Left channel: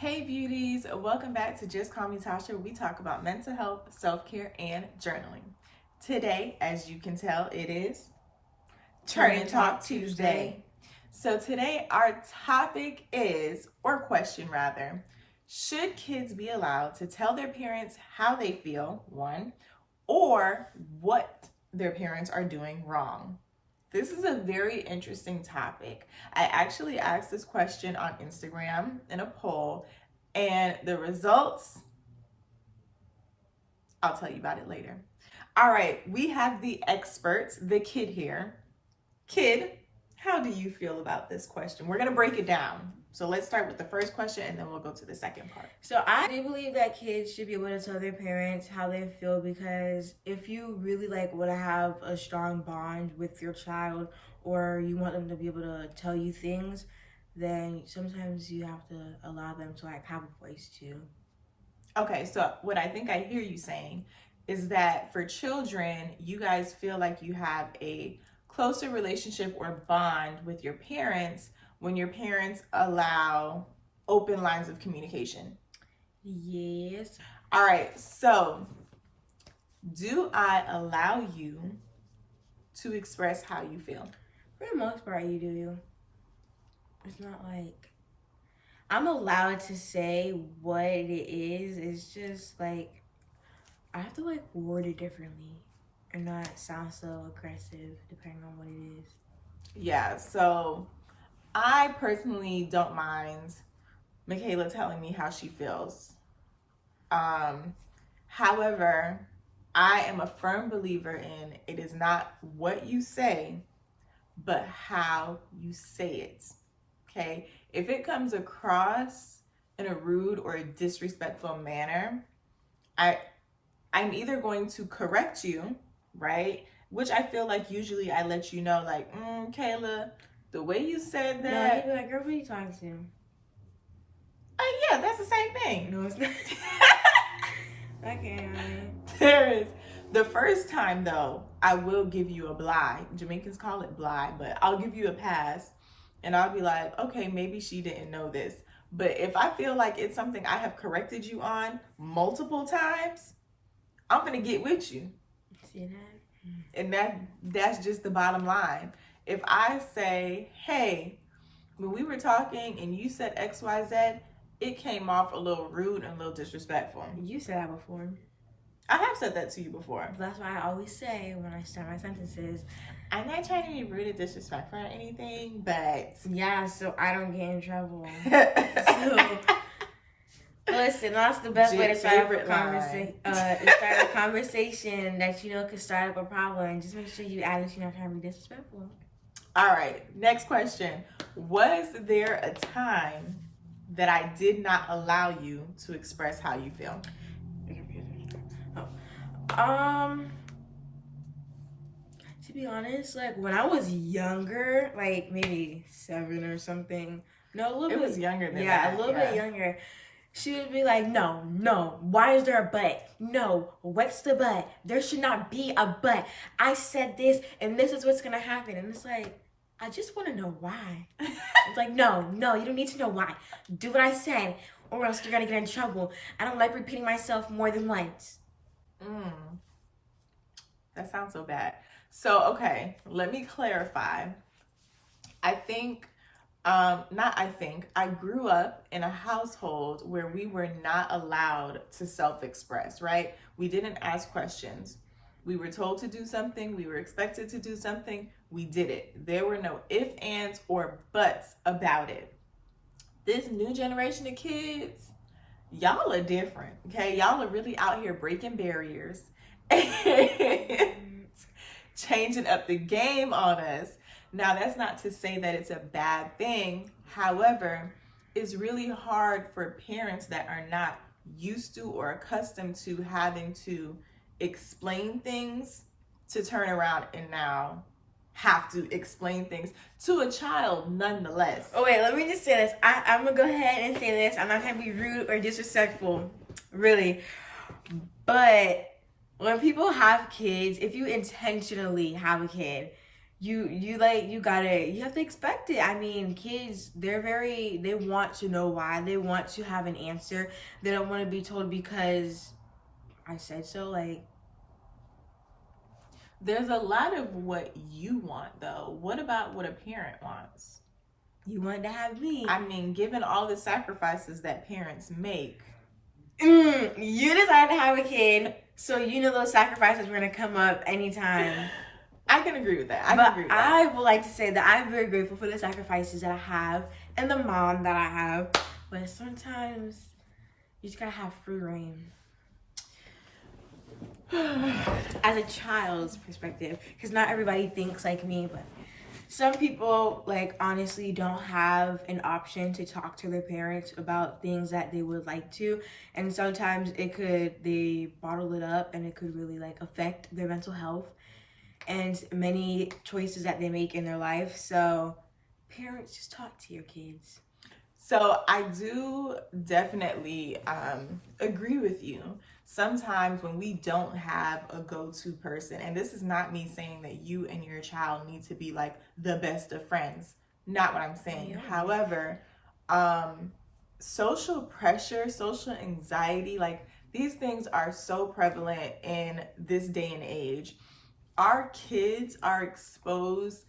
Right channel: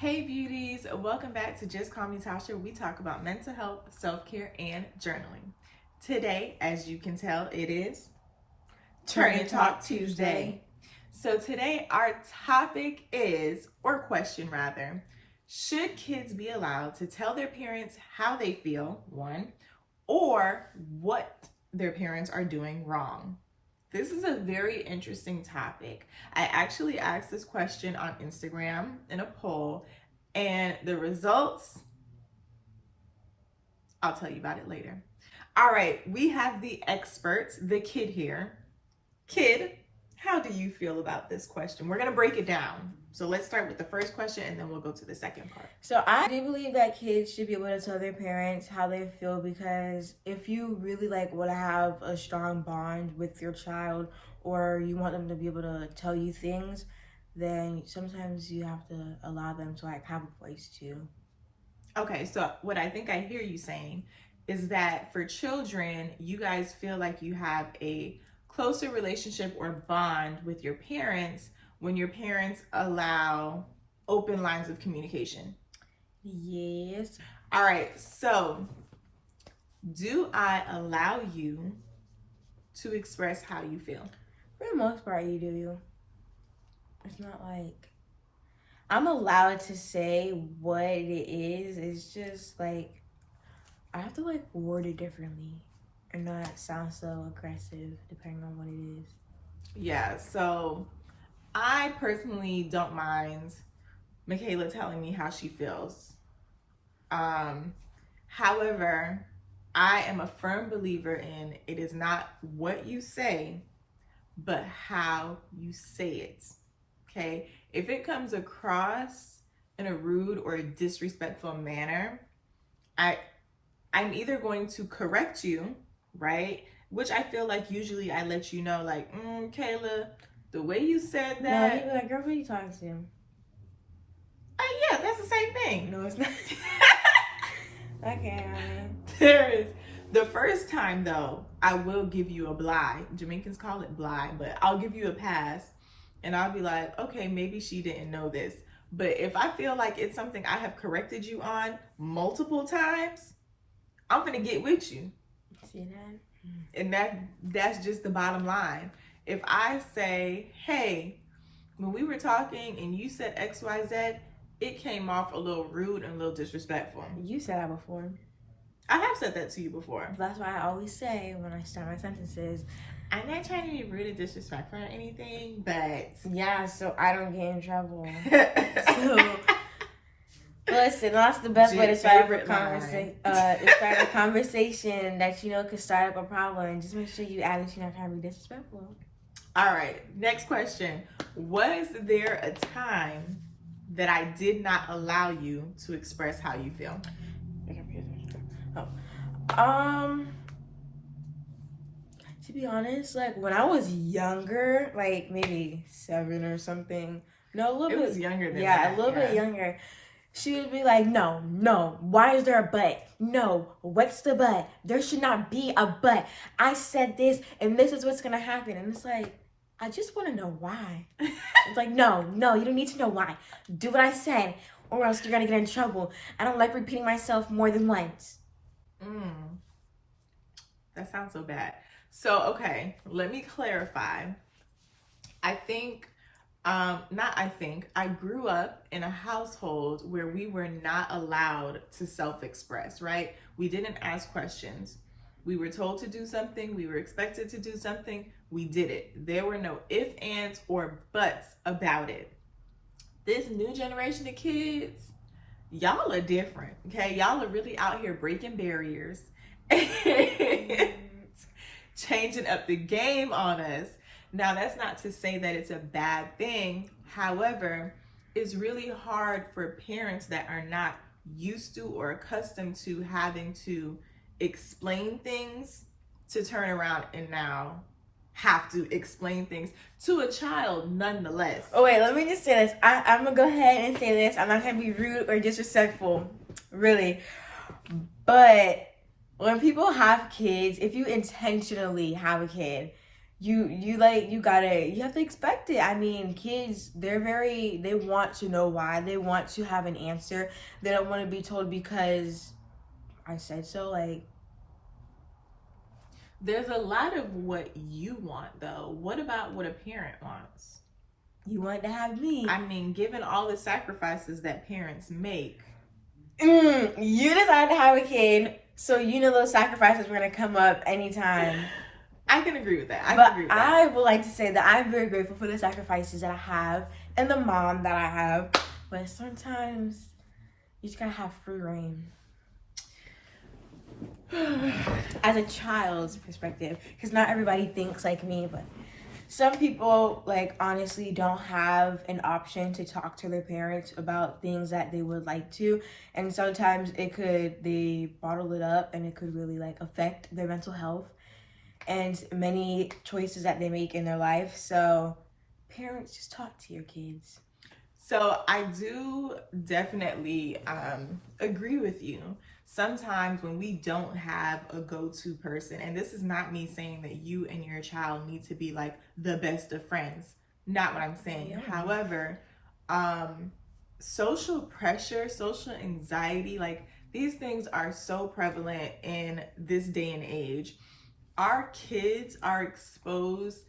Hey beauties, welcome back to Just Call Me Natasha. We talk about mental health, self-care, and journaling. Today, as you can tell, it is Turn and Talk Tuesday. So today our topic is, or question rather, should kids be allowed to tell their parents how they feel, one, or what their parents are doing wrong? This is a very interesting topic. I actually asked this question on Instagram in a poll, and the results, I'll tell you about it later. All right, we have the experts, the kid here. Kid, how do you feel about this question? We're going to break it down. So let's start with the first question and then we'll go to the second part. So I do believe that kids should be able to tell their parents how they feel, because if you really want to have a strong bond with your child, or you want them to be able to tell you things, then sometimes you have to allow them to have a voice too. Okay, so what I think I hear you saying is that for children, you guys feel like you have a closer relationship or bond with your parents when your parents allow open lines of communication. Yes. All right, so do I allow you to express how you feel? For the most part, you do. It's not like I'm allowed to say what it is. It's just I have to word it differently and not sound so aggressive depending on what it is. Yeah, so I personally don't mind Michaela telling me how she feels. However, I am a firm believer in it is not what you say, but how you say it. Okay? If it comes across in a rude or a disrespectful manner, I'm either going to correct you, right? Which I feel like usually I let you know, Kayla, the way you said that. No, you'd be like, girl, who are you talking to? Yeah, that's the same thing. No, it's not. Okay. There is. The first time though, I will give you a bly. Jamaicans call it bly, but I'll give you a pass and I'll be like, okay, maybe she didn't know this. But if I feel like it's something I have corrected you on multiple times, I'm gonna get with you. See that? And that's just the bottom line. If I say, hey, when we were talking and you said XYZ, it came off a little rude and a little disrespectful. You said that before. I have said that to you before. That's why I always say when I start my sentences, I'm not trying to be rude or disrespectful or anything, but yeah, so I don't get in trouble. So, listen, that's the best way to start a conversation that could start up a problem. Just make sure you add that you're not trying to be disrespectful. All right, next question. Was there a time that I did not allow you to express how you feel? To be honest, when I was younger, maybe 7 or something. No, a little bit. It was younger than that. Yeah, a little bit younger. She would be like, no, why is there a but? No, what's the but? There should not be a but. I said this, and this is what's gonna happen. And it's I just want to know why. It's no, you don't need to know why. Do what I said, or else you're gonna get in trouble. I don't like repeating myself more than once. That sounds so bad. So, okay, let me clarify. I grew up in a household where we were not allowed to self-express, right? We didn't ask questions. We were told to do something. We were expected to do something. We did it. There were no ifs, ands, or buts about it. This new generation of kids, y'all are different, okay? Y'all are really out here breaking barriers and changing up the game on us. Now, that's not to say that it's a bad thing. However, it's really hard for parents that are not used to or accustomed to having to explain things to turn around and now have to explain things to a child nonetheless. Oh, wait, let me just say this. I'm going to go ahead and say this. I'm not going to be rude or disrespectful, really. But when people have kids, if you intentionally have a kid, you have to expect it. I mean, kids, they want to know why. They want to have an answer. They don't want to be told because I said so. Like, there's a lot of what you want, though. What about what a parent wants? You want to have me. I mean, given all the sacrifices that parents make. You decide to have a kid, so you know those sacrifices are going to come up anytime. I can agree with that. I would like to say that I'm very grateful for the sacrifices that I have and the mom that I have. But sometimes you just gotta have free reign. As a child's perspective, because not everybody thinks like me, but some people, like, honestly don't have an option to talk to their parents about things that they would like to, and sometimes they bottle it up, and it could really, like, affect their mental health and many choices that they make in their life. So parents, just talk to your kids. So I do definitely agree with you. Sometimes when we don't have a go-to person, and this is not me saying that you and your child need to be like the best of friends, not what I'm saying. Yeah. However, social pressure, social anxiety, like, these things are so prevalent in this day and age. Our kids are exposed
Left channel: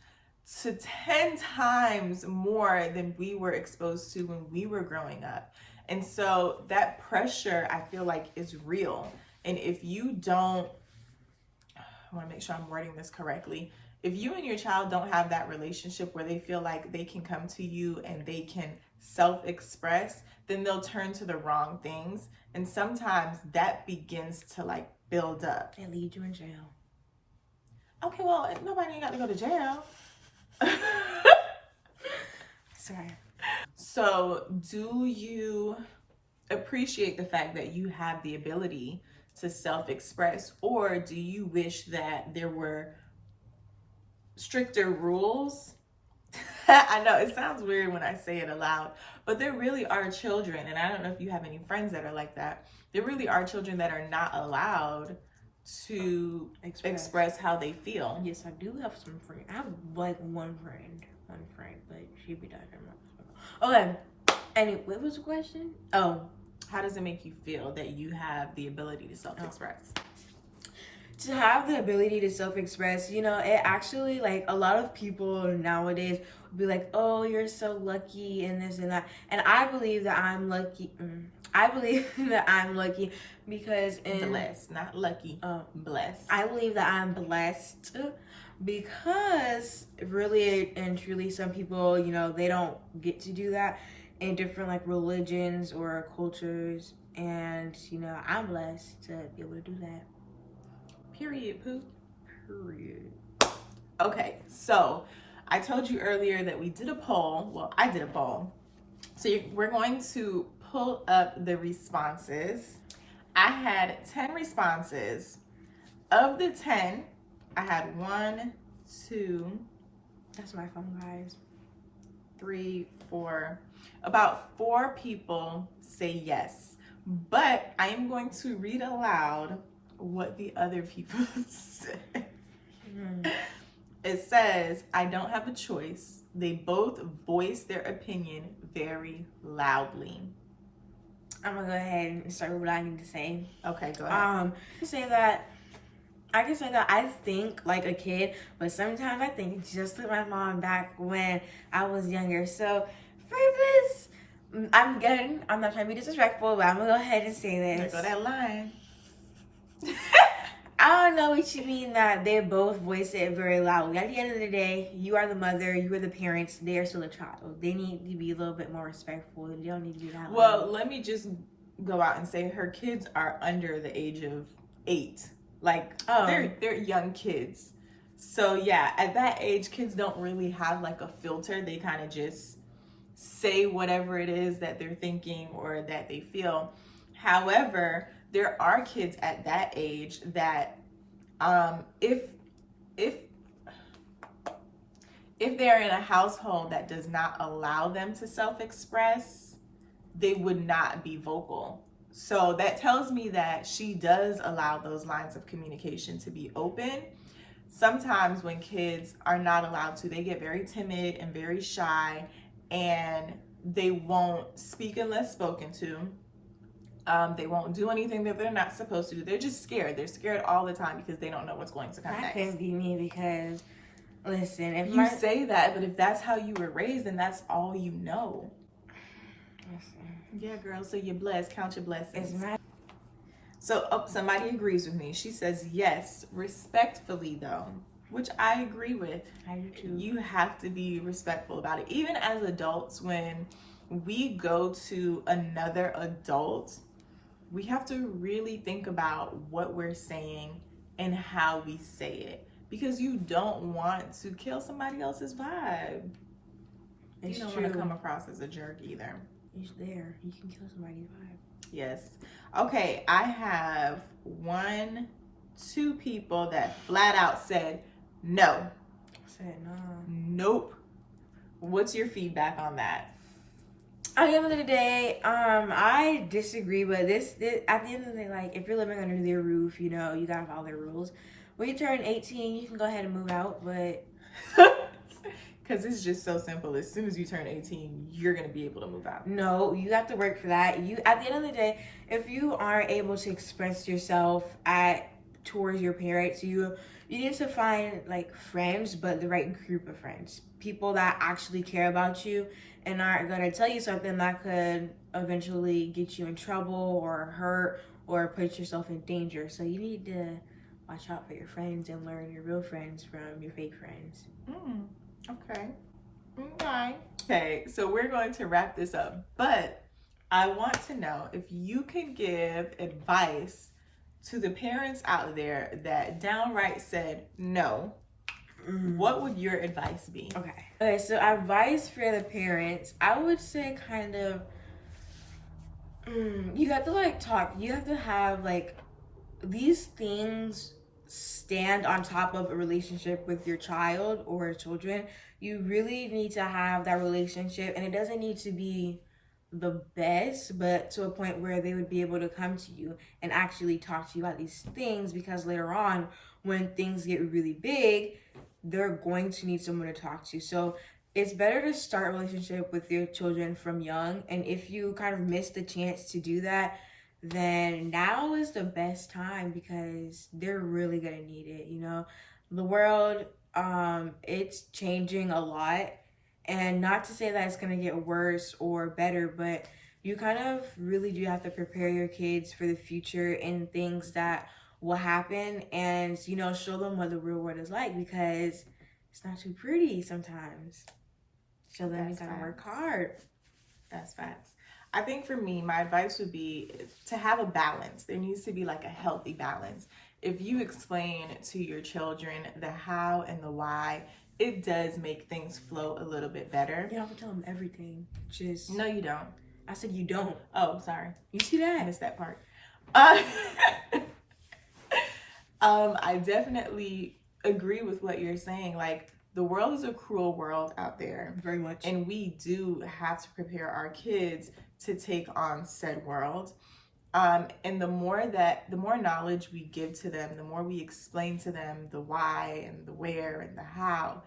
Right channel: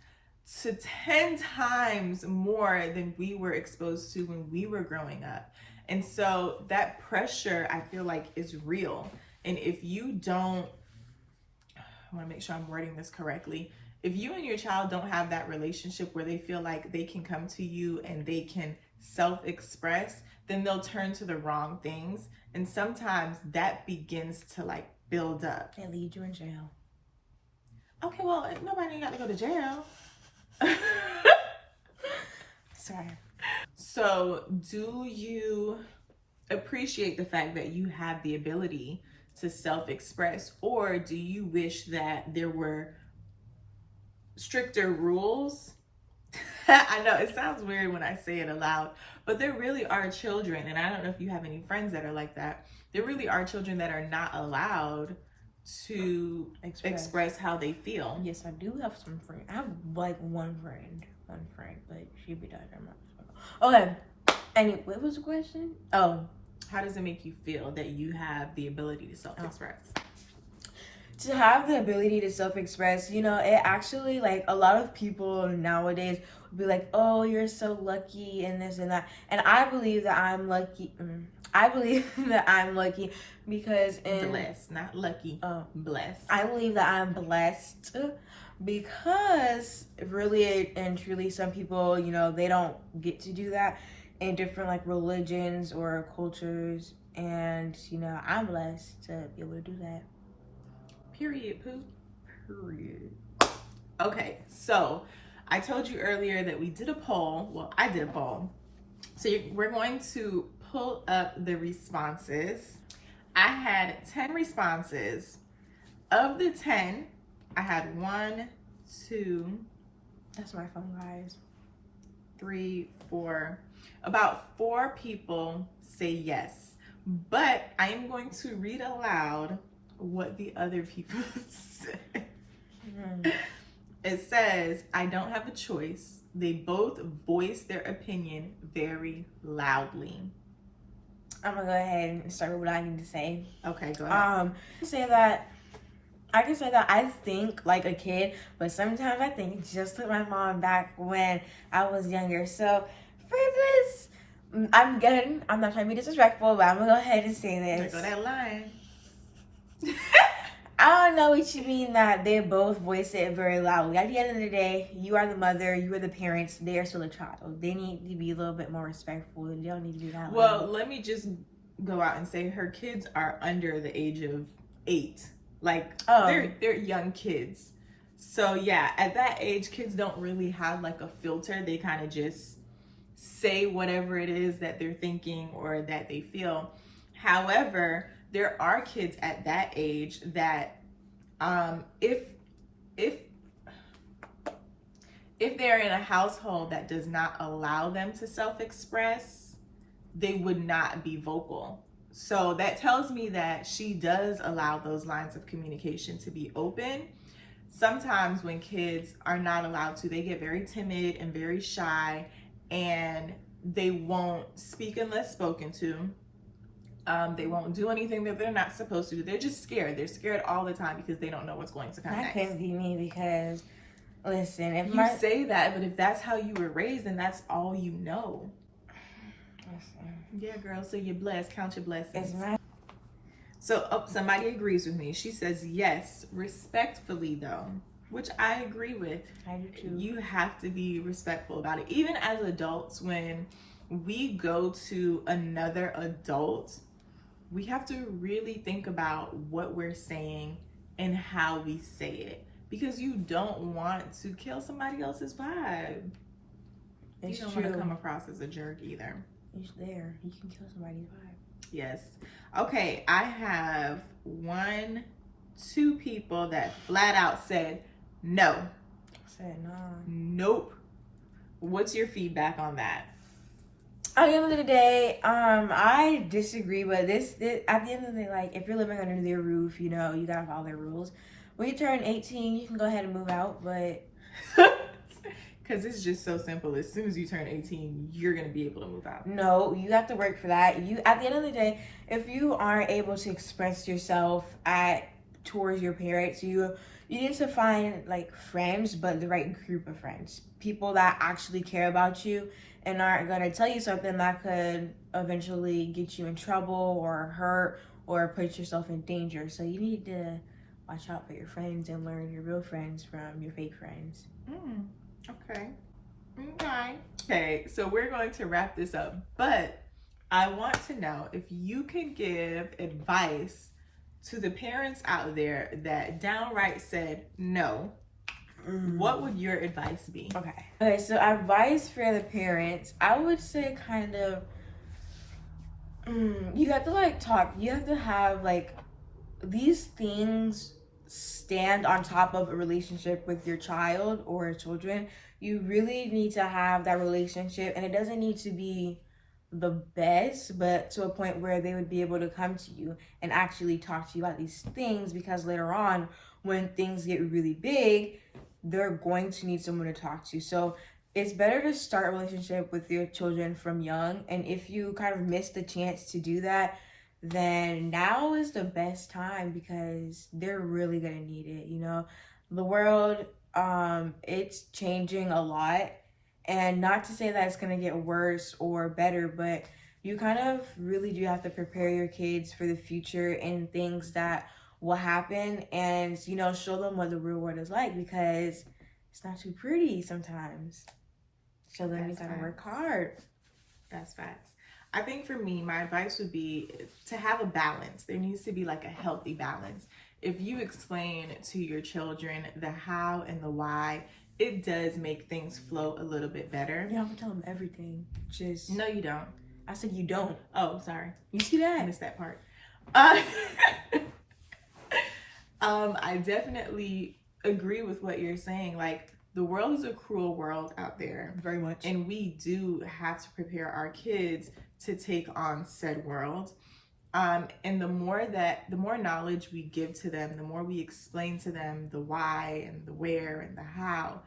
to 10 times more than we were exposed to when we were growing up. And so that pressure, I feel like, is real. And if you don't, I want to make sure I'm wording this correctly. If you and your child don't have that relationship where they feel like they can come to you and they can self-express, then they'll turn to the wrong things. And sometimes that begins to, like, build up. It leads you in jail. Okay, well, nobody got to go to jail. Sorry. So, do you appreciate the fact that you have the ability to self-express, or do you wish that there were stricter rules? I know it sounds weird when I say it aloud, but there really are children, and I don't know if you have any friends that are like that. There really are children that are not allowed to express how they feel. Yes, I do have some friends. I have like one friend, but she be dying. Okay. Anyway, what was the question? Oh, how does it make you feel that you have the ability to self-express? To have the ability to self-express, you know, it actually, like, a lot of people nowadays would be like, oh, you're so lucky and this and that. And I believe that I'm lucky. I believe that I'm lucky because blessed, not lucky. Blessed. I believe that I'm blessed because really and truly some people, you know, they don't get to do that in different, like, religions or cultures. And, you know, I'm blessed to be able to do that. Period, poo. Period. Okay, so I told you earlier that we did a poll. Well, I did a poll. So we're going to pull up the responses. I had 10 responses. Of the 10, I had 1, 2, that's my phone, guys, 3, 4. About 4 people say yes. But I am going to read aloud what the other people said. It says, I don't have a choice. They both voice their opinion very loudly. I'm gonna go ahead and start with what I need to say. Okay, go ahead. I can say that I think like a kid, but sometimes I think just like my mom back when I was younger. So for this, I'm not trying to be disrespectful, but I'm gonna go ahead and say this. There go that line. I don't know what you mean that they both voice it very loudly. At the end of the day, you are the mother, you are the parents, they are still a child. They need to be a little bit more respectful, and they don't need to be that loud. Well, let me just go out and say her kids are under the age of 8. Like, they're young kids. So yeah, at that age, kids don't really have like a filter. They kind of just say whatever it is that they're thinking or that they feel. However, there are kids at that age that if they're in a household that does not allow them to self-express, they would not be vocal. So that tells me that she does allow those lines of communication to be open. sometimes when kids are not allowed to, they get very timid and very shy, and they won't speak unless spoken to. They won't do anything that they're not supposed to do. They're just scared. They're scared all the time because they don't know what's going to come next. That couldn't be me because, listen, if you say that, but if that's how you were raised, then that's all you know. Listen. Yeah, girl. So you're blessed. Count your blessings. It's not. So somebody agrees with me. She says yes, respectfully though, which I agree with. I do too. You have to be respectful about it. Even as adults, when we go to another adult, we have to really think about what we're saying and how we say it, because you don't want to kill somebody else's vibe. You don't want to come across as a jerk either. He's there. You can kill somebody's vibe. Yes. Okay, I have 2 people that flat out said no. I said no. Nope. What's your feedback on that? At the end of the day, I disagree, but this at the end of the day, like, if you're living under their roof, you know, you gotta follow their rules. When you turn 18, you can go ahead and move out, but because it's just so simple. As soon as you turn 18, you're gonna be able to move out. No, you have to work for that. You, at the end of the day, if you aren't able to express yourself towards your parents, you need to find like friends, but the right group of friends, people that actually care about you and aren't gonna tell you something that could eventually get you in trouble or hurt or put yourself in danger. So you need to watch out for your friends and learn your real friends from your fake friends. Okay. Okay, so we're going to wrap this up, but I want to know if you can give advice to the parents out there that downright said no. What would your advice be? Okay, so advice for the parents, I would say kind of, you have to like talk, you have to have like, these things stand on top of a relationship with your child or children. You really need to have that relationship, and it doesn't need to be the best, but to a point where they would be able to come to you and actually talk to you about these things, because later on when things get really big, they're going to need someone to talk to. So it's better to start a relationship with your children from young, and if you kind of miss the chance to do that, then now is the best time, because they're really gonna need it. You know, the world, it's changing a lot, and not to say that it's gonna get worse or better, but you kind of really do have to prepare your kids for the future and things that will happen, and, you know, show them what the real world is like, because it's not too pretty sometimes. So then you gotta work hard. That's facts. I think for me, my advice would be to have a balance. There needs to be like a healthy balance. If you explain to your children the how and the why, it does make things flow a little bit better. You don't have to tell them everything. Just no, you don't. I said you don't. Oh, sorry. You see that? I missed that part. I definitely agree with what you're saying. Like, the world is a cruel world out there. Very much. And we do have to prepare our kids to take on said world. And the more knowledge we give to them, the more we explain to them the why and the where and the how,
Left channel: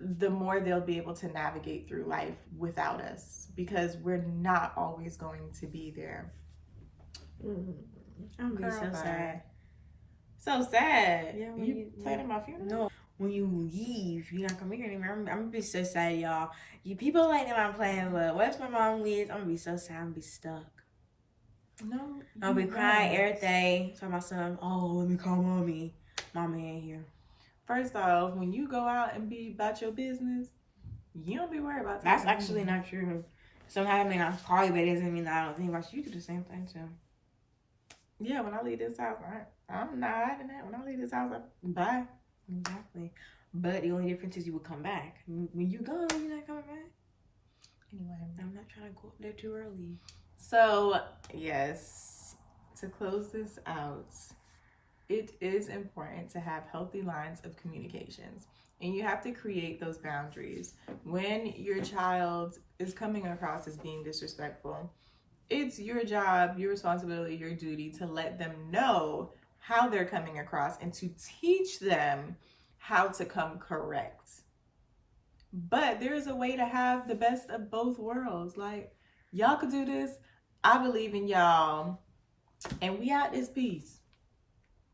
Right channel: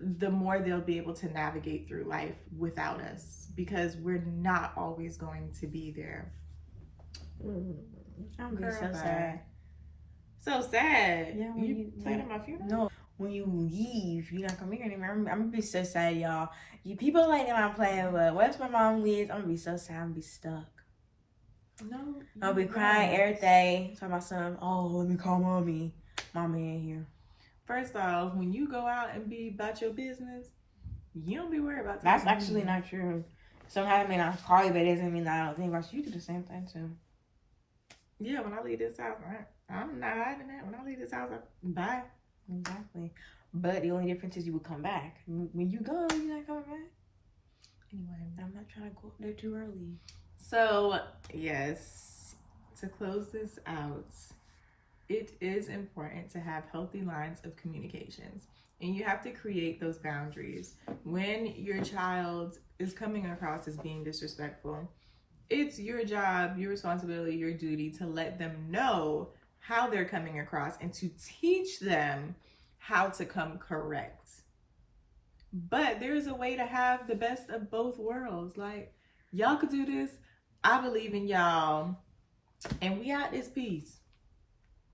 the more they'll be able to navigate through life without us, because we're not always going to be there. I'm gonna be so sad. So sad. Yeah, when you planning my funeral? No, when you leave, you're not coming here anymore. I'm gonna be so sad, y'all. You people like that I'm playing, but what if my mom leaves? I'm gonna be so sad. I'm gonna be stuck. No, I'll be crying every day. Talking about something. Oh, let me call mommy. Mommy ain't here. First off, when you go out and be about your business, you don't be worried about that. That's actually not true. Sometimes I may not call you, but it doesn't mean that I don't think about you. You do the same thing too. Yeah, when I leave this house, I'm not hiding that. When I leave this house, bye. Exactly. But the only difference is you will come back. When you go, you're not coming back. Anyway, I'm not trying to go up there too early. So, yes, to close this out, it is important to have healthy lines of communications. And you have to create those boundaries. When your child is coming across as being disrespectful, it's your job, your responsibility, your duty to let them know how they're coming across and to teach them how to come correct. But there's a way to have the best of both worlds. Like, y'all could do this. I believe in y'all. And we out this piece.